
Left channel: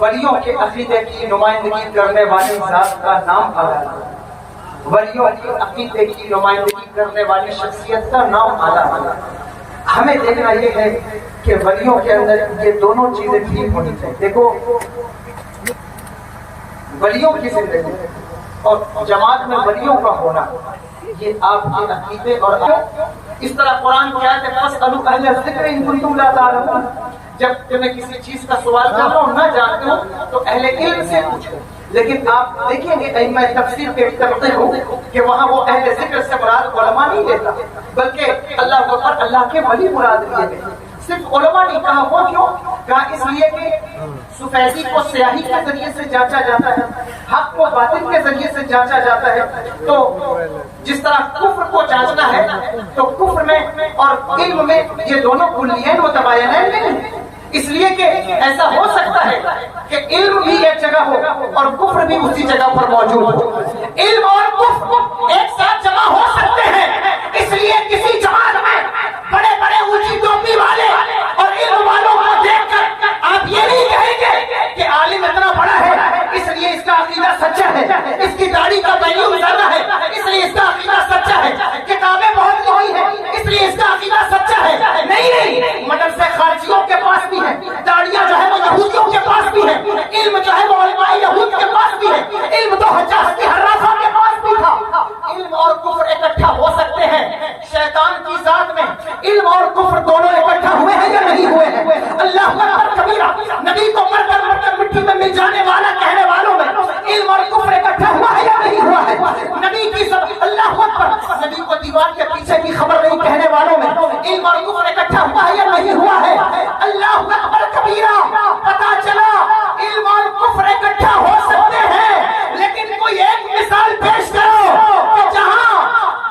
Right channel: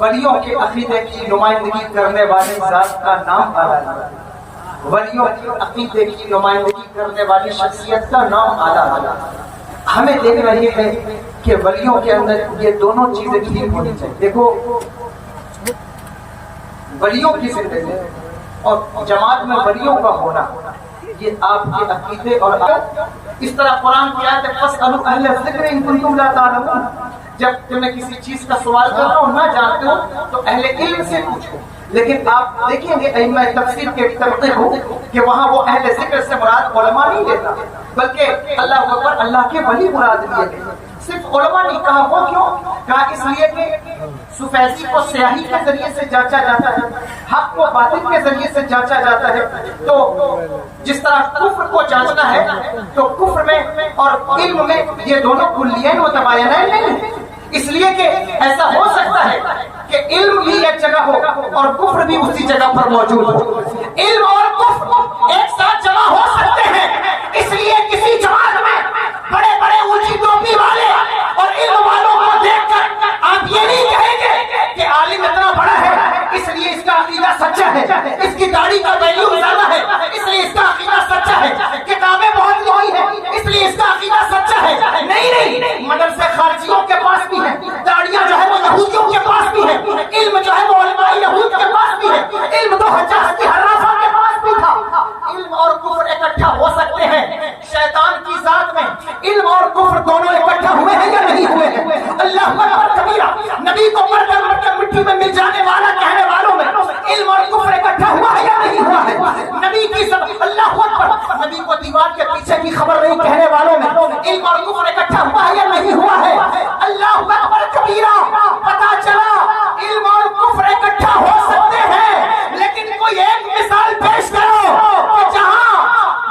ولیوں کے عقیدے کی نمائندگی کرنے والے ذات کا نام اعلیٰ، ولیوں کے عقیدے کی نمائندگی کرنے والی شخصیت کا نام اعلیٰ. ہمیں دیکھنا یہ ہے کہ ولیوں کے اندر یہ دونوں چیزیں ٹھیک ہونی چاہیے. دیکھو ولیوں کی زندگی اور جماعت میں ولیوں کا ہونا یہ آپ کے عقیدے اور اس طرح قرآن کی آیت ہے فَاسْأَلُوا أَهْلَ الذِّكْرِ إِن كُنتُمْ لَا تَعْلَمُونَ. جب تمہیں کسی چیز کا سوال کر رہا ہو نہ جانتے ہو تو اہل علم سے پوچھو. لیکن آپ دیکھیں گے ائمہ تفسیر کے طریقے ہو کہ وہاں وہ اہل ذکر سے مراد علماء نہیں دیتا، بلکہ اللہ اکبر اللہ کے ولی مراد لیے گئے. صرف علماء نہیں کہا. وہ کیوں کہا؟ اس لیے کہ سفیدی کو سیاہی کے ذریعے سے جانچا جاتا ہے، حق کو باطل کے ذریعے سے جانچا جاتا ہے. تو جس طرح کفر کو جانچنا ہے تو کفر میں اور علم میں یہ دونوں کلیین و تباینین نہیں ہیں. اس لیے کہ ایسا ہو سکتا ہے کہ علم بھی ایک جگہ ہو اور کفر بھی اسی جگہ پر موجود ہو. علم اور کفر ایک ساتھ جمع ہو سکتے ہیں. اس لیے کسی جماعت میں بڑے بڑے اونچی ٹوپی والے اور علم والوں کو دیکھ کر آپ یہ نہیں کہیں گے کہ عالم اتنا بڑا ہے اس لیے اس کا عقیدہ سچا ہے، اس کی داڑھی کا ویلیو زیادہ ہے اس لیے اس کا عقیدہ سچا ہے، کتابیں بہت لکھی ہیں اس لیے اس کا عقیدہ سچا ہے. نہیں، مدرسے خارجیوں کے پاس بھی ہیں، داڑیاں جو ہے وہ یہودیوں کے پاس بھی ہیں، علم جو ہے وہ علماء یہود کے پاس بھی ہے، علم تو حجاج کے حرافہ کے پاس بھی تھا. علم اور کفر اکٹھا ہو سکتے ہیں. شیطان کی ذات میں علم اور کفر دونوں اکٹھا ہوئے ہیں یا نہیں ہوئے ہیں؟ اللہ اکبر کبیرہ. نبی کو مر کر مٹی میں مل جانے والا کہنے والوں میں علم اور کفر اکٹھا ہوا ہے یا نہیں ہوا ہے؟ نبی کی سب اللہ اکبر نبی کو دیوار کے پیچھے کی خبر نہیں کہنے والوں میں علم اور کفر اکٹھا ہوا ہے یا نہیں ہوا ہے؟ اللہ اکبر کبیرہ. پتا چلا علم اور کفر اکٹھا ہو سکتے ہیں، لیکن کوئی ایک مثال پیش کرو کہ جہاں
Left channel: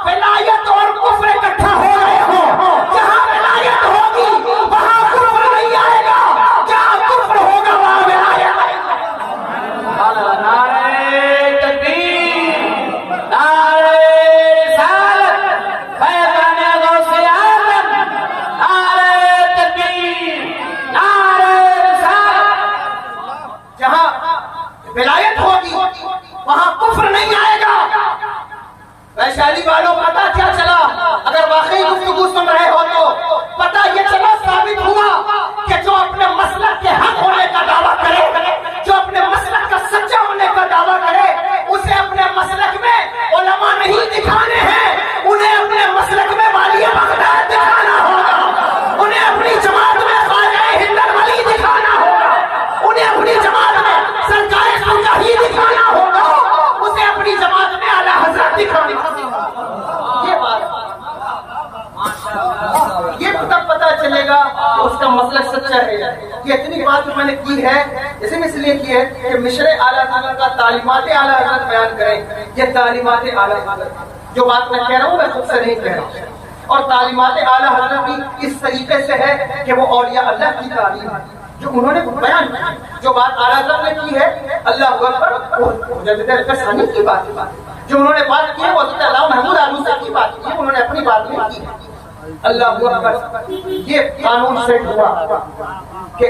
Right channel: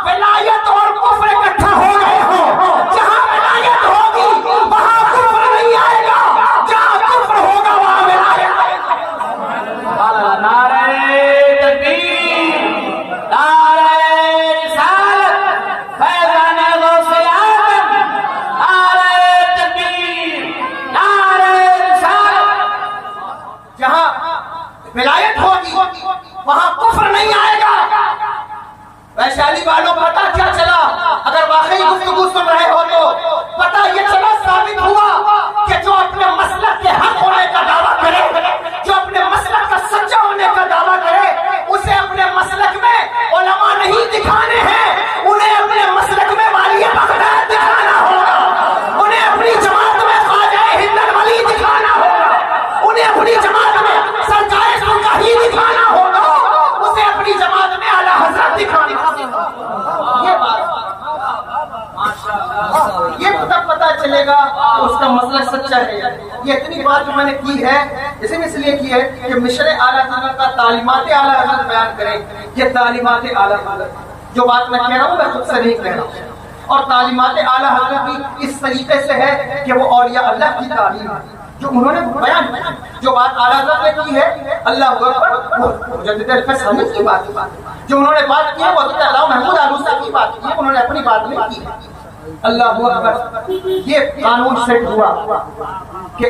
ولایت اور کفر اکٹھا ہو رہے ہوں. جہاں ولایت ہوگی وہاں کفر نہیں آئے گا، جہاں کفر ہوگا وہاں ولایت آئے گا. نعرہ تکبیر، نعرہ رسالت، فیضان غوث اعظم، نعرہ تکبیر، نعرہ رسالت. جہاں ولایت ہوگی وہاں کفر نہیں آئے گا. ویشالی والوں پتا کیا چلا؟ اگر واقعی گفتگو سن رہے ہو تو پتا یہ چلا ثابت ہوا کہ جو اپنے مسلک کے حق ہونے کا دعویٰ کرے، جو اپنے مسلک کا سچا ہونے کا دعویٰ کرے، اسے اپنے مسلک میں علماء نہیں دکھانے ہیں، انہیں اپنے مسلک میں والی بغداد دکھانا ہوگا، انہیں اپنی جماعت میں خواجہ ہندن ولی دکھانا ہوگا، انہیں اپنی جماعت میں سرکار سرکاہی دکھانا ہوگا. چلے گا اس کا مسلک سچا ہے. یہ اتنی بات جو میں نے کی ہے اس لیے کی ہے کہ مشر اعلیٰ حضرت کا تعلیمات اعلیٰ حضرت بیان کریں. یہ تعلیمات اعلیٰ حضرت جو بات میں کہہ رہا ہوں میں خود سے نہیں کہہ رہا ہوں, اور تعلیمات اعلیٰ حضرت بھی اس طریقے سے ہے کہ وہ اولیاء اللہ کی تعلیم ہے جو انہوں نے بیان کی. جو بات اعلیٰ حضرت نے کی ہے اللہ اکبر وہ مجدد الفیض حنیف کی بات ہے. جو انہوں نے بات کی ہے وہ حضرت علامہ محمود آلوسی کی بات کی ہے, انہوں نے اپنی بات نہیں کی. اللہ اکبر. یہ قانون سیٹ ہوا کہ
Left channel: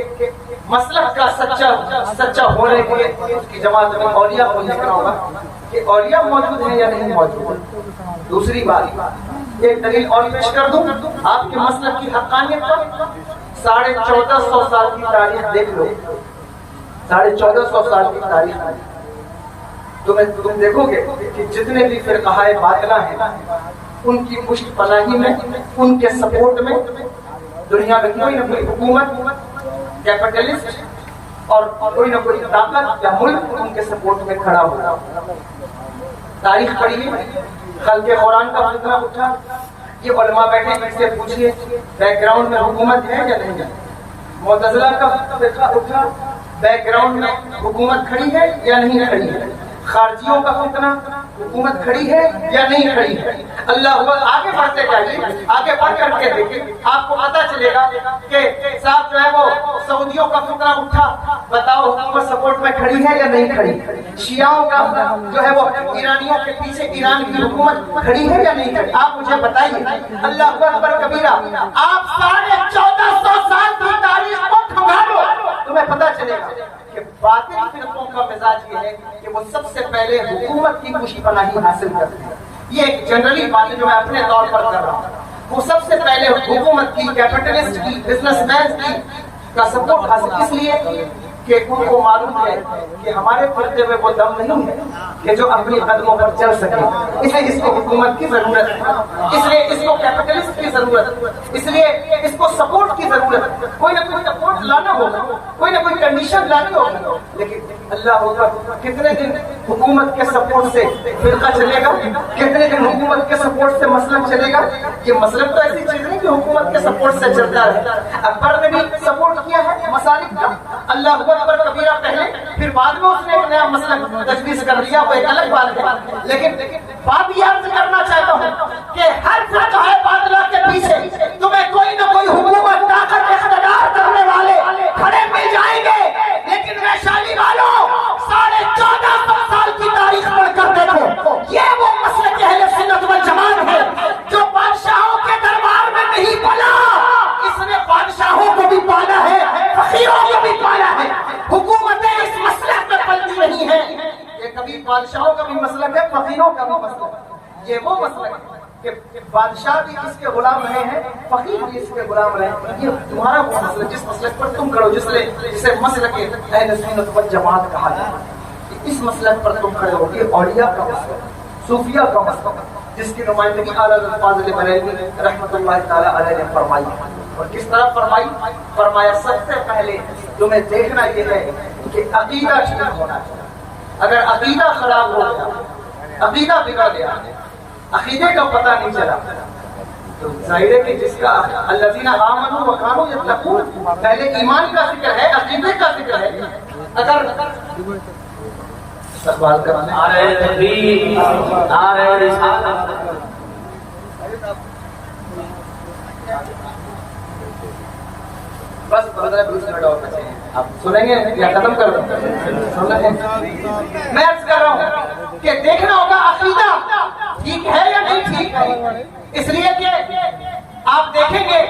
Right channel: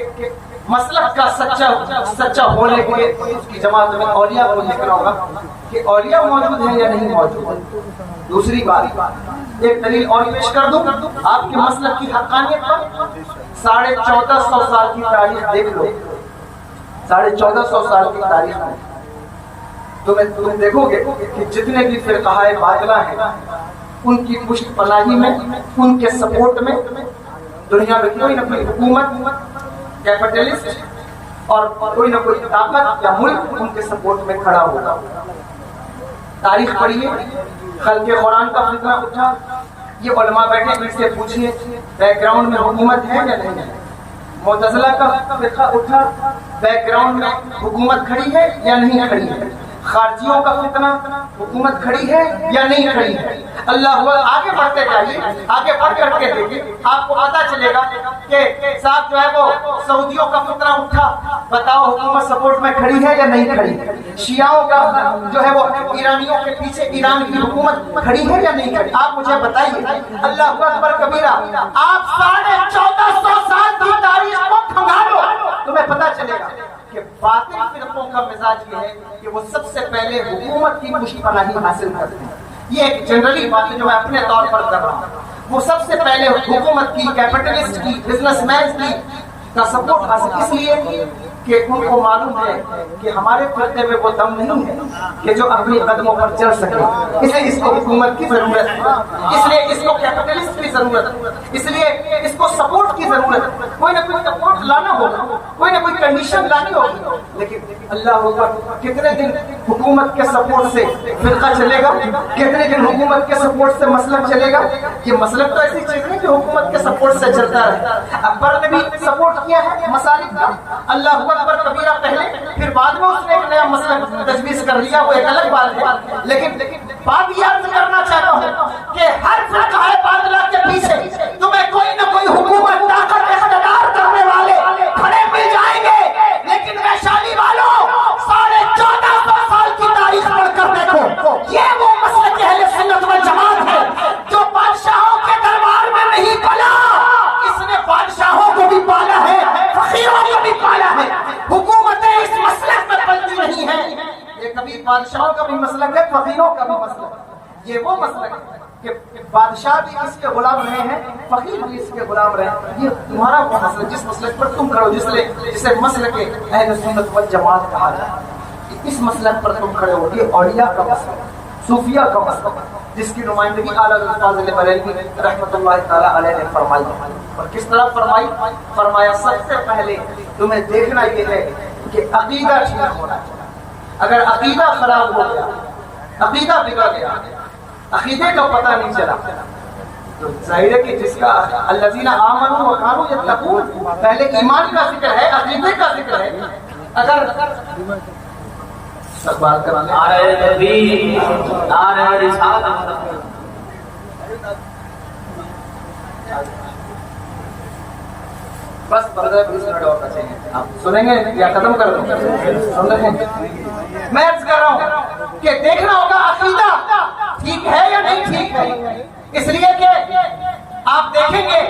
مسلک کا سچا ہونے کے لیے اس کی جماعت میں اولیاء کو لکھنا ہوگا کہ اولیاء موجود ہیں یا نہیں موجود. دوسری بات ایک دلیل اور پیش کر دوں آپ کے مسلک کی حقانیت پر. 1450 سال کی تاریخ دیکھ لو, 1450 سال کی تاریخ ہے. تم دیکھو گے کہ جتنے بھی فرقہ باطلہ ہیں ان کی پشت پناہی میں, ان کے سپورٹ میں دنیا میں کوئی نہ کوئی حکومت, کیپٹلسٹ اور کوئی نہ کوئی طاقت یا ملک ان کے سپورٹ میں کھڑا ہوا. تاریخ پڑھیے, خلق قرآن کا فتنہ اٹھا, یہ علماء بیٹھے ان سے پوچھیے بیک گراؤنڈ میں حکومت ہے یا نہیں ہے. معتزلہ کا فرقہ اٹھا, بیک گراؤنڈ میں حکومت کھڑی ہے یا نہیں کھڑی ہے. خارجیوں کا فتنہ, حکومت کھڑی ہے یا نہیں کھڑی ہے. اللہ ہوا آگے بڑھتے جائیے, آگے بڑھ کر کے دیکھیے آپ کو پتا چلے گا کہ صاحب جو ہے وہ سعودیوں کا فتنہ اٹھا, بتاؤ حکومت سپورٹ میں کھڑی ہے یا نہیں کھڑی. شیعوں کا جو ہے وہ ایرانیوں کے پیچھے ایران کی حکومت کھڑی ہے یا نہیں کھڑی. آپ مجھے بتائیے. اللہ اکبر کبیرہ. آپ 1450 سال کی تاریخ کو کھنگالو, تمہیں پتا چلے گا کہ باطل فرقوں کا مزاج یہ ہے کہ وہ سب سے پہلے حکومت کی پشت پناہی حاصل کرتے ہیں. یہ ایک جنرلی بات جو میں اپنے طور پر کر رہا ہوں. وہ سب سے پہلے حکومت کی, کیپٹلسٹ کی, بزنس مین کی کا سپورٹ حاصل اس لیے کہ ان کو معلوم ہے کہ ہمارے فرقے میں وہ دم نہیں ہے کہ جو اپنی قدموں پر چل سکے. اس لیے اس کو حکومت کی ضرورت ہے, اس لیے اس کو کیپٹلسٹ کی ضرورت ہے, اس لیے اس کو سپورٹ کی ضرورت ہے. کوئی نہ کوئی سپورٹ لانا ہوگا, کوئی نہ کوئی کنڈیشن لانی ہوگی. لیکن اللہ ہوگا کتنے دن حکومت کے سپورٹ سے فرقہ چلے گا, کتنے دن حکومت کے سپورٹ سے مسلک چلے گا. یہ مسلک تو ایسی چیز نہیں کہ حکومت کے سپورٹ سے چلتا رہتا. اکبر نے بھی سپورٹ کیا ہے مسالک کا, اللہ اکبر کبیرہ پہلے, پھر بعد میں اس نے ایک نیا مسلک تجویز کر دیا, وہ ایک الگ بات ہے. لیکن بات یہ عرض کرنا چاہتا ہوں کہ ہر فرقہ باطلہ کے پیچھے تمہیں کوئی نہ کوئی حکومت, طاقت, اقتدار کرنے والے کھڑے مل جائیں گے. لیکن ویشالی والوں 1450 سال کی تاریخ پڑھ کر دیکھو, یہ وہ مسلک اہل سنت والجماعت ہے جو بادشاہوں کے دربار میں نہیں پلا. اس نے بادشاہوں کو بھی پالا ہے, فقیروں کو بھی پالا ہے. حکومتیں اس مسلک میں پلتی نہیں ہے. یہ کبھی بادشاہوں کا بھی مسلک ہے, فقیروں کا بھی مسلک ہے. یہ وہ مسلک ہے کہ بادشاہ بھی اس کے غلام رہے ہیں, فقیر بھی اس کے غلام رہے ہیں. یہ تمہارا وہ مسلک جس مسلک پر تم کرو, جسے مسلک اہل سنت والجماعت کہا جاتا ہے. اس مسلک پر تم کھڑے ہو. یہ اولیاء کا مسلک, صوفیہ کا مسلک, جس کی نمائندگی اعلیٰ فاضل بریلوی رحمۃ اللہ تعالیٰ علیہ نے فرمائی. اور کس طرح فرمائی؟ فرمایا سب سے پہلے تمہیں دیکھنا یہ ہے کہ عقیدہ ٹھیک ہونا چاہیے. اگر عقیدہ خراب ہو گیا, عقیدہ بگڑ گیا, عقیدے کا پتہ نہیں چلا, تو ظاہر ہے کہ جس کا الذین آمنوا وکانوا یتقون, پہلے ایمان کا ذکر ہے, عقیدے کا ذکر ہے. اگر استقبال کرانے نعرہ تکبیر, نعرہ رسالت. بس 15-20 منٹ اور بچے ہیں, آپ سنیں گے یا ختم کر دوں؟ میں عرض کر رہا ہوں کہ دیکھنا ہوگا عقیدہ ٹھیک ہے یا نہیں ٹھیک ہے. اس لیے کہ آپ دیکھیں گے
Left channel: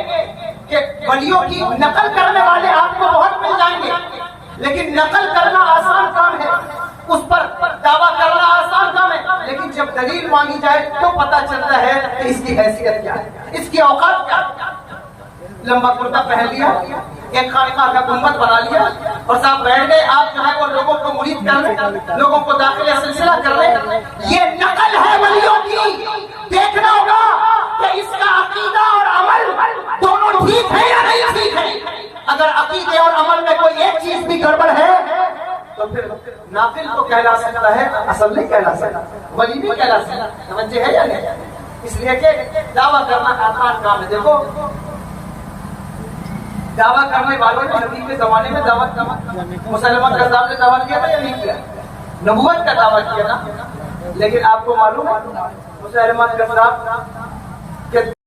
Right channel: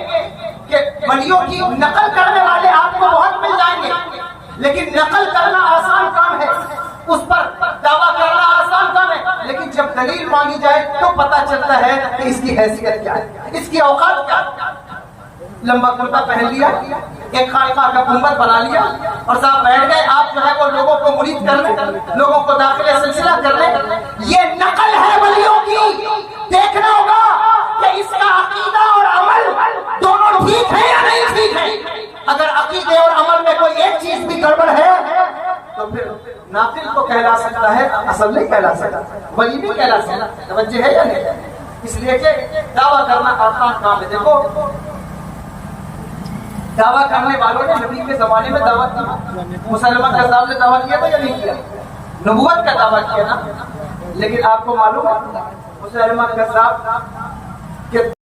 کہ ولیوں کی نقل کرنے والے آپ کو بہت مل جائیں گے, لیکن نقل کرنا آسان کام ہے, اس پر دعویٰ کرنا آسان کام ہے. لیکن جب دلیل مانی جائے تو پتہ چلتا ہے کہ اس کی حیثیت کیا ہے, اس کی اوقات کیا ہے. لمبا کرتا پہن لیا, ایک خانقاہ کا گنبد بنا لیا اور صاحب بیٹھ گئے. آپ جو ہے وہ لوگوں کو مرید کرنے, لوگوں کو داخل سلسلہ کرنے, یہ نقل ہے ولیوں کی. دیکھنا ہوگا کہ اس کا عقیدہ اور عمل دونوں ٹھیک ہے یا نہیں ٹھیک ہے. اگر عقیدے اور عمل میں کوئی ایک چیز بھی گڑبڑ ہے تو پھر ناقل تو کہلا سکتا ہے, اصل نہیں کہلا سکتا, ولی بھی کہلا سکتا. توجہ ہے یا نہیں؟ اس لیے کہ دعویٰ کرنا آسان کام ہے. دیکھو دعویٰ کرنے والوں نے نبی کے زمانے میں دعویٰ کیا، مسلمان کذاب نے دعویٰ کیا تھا یا نہیں کیا؟ نبوت کا دعویٰ کیا نا. لیکن آپ کو معلوم ہے مسلمان کذاب کہ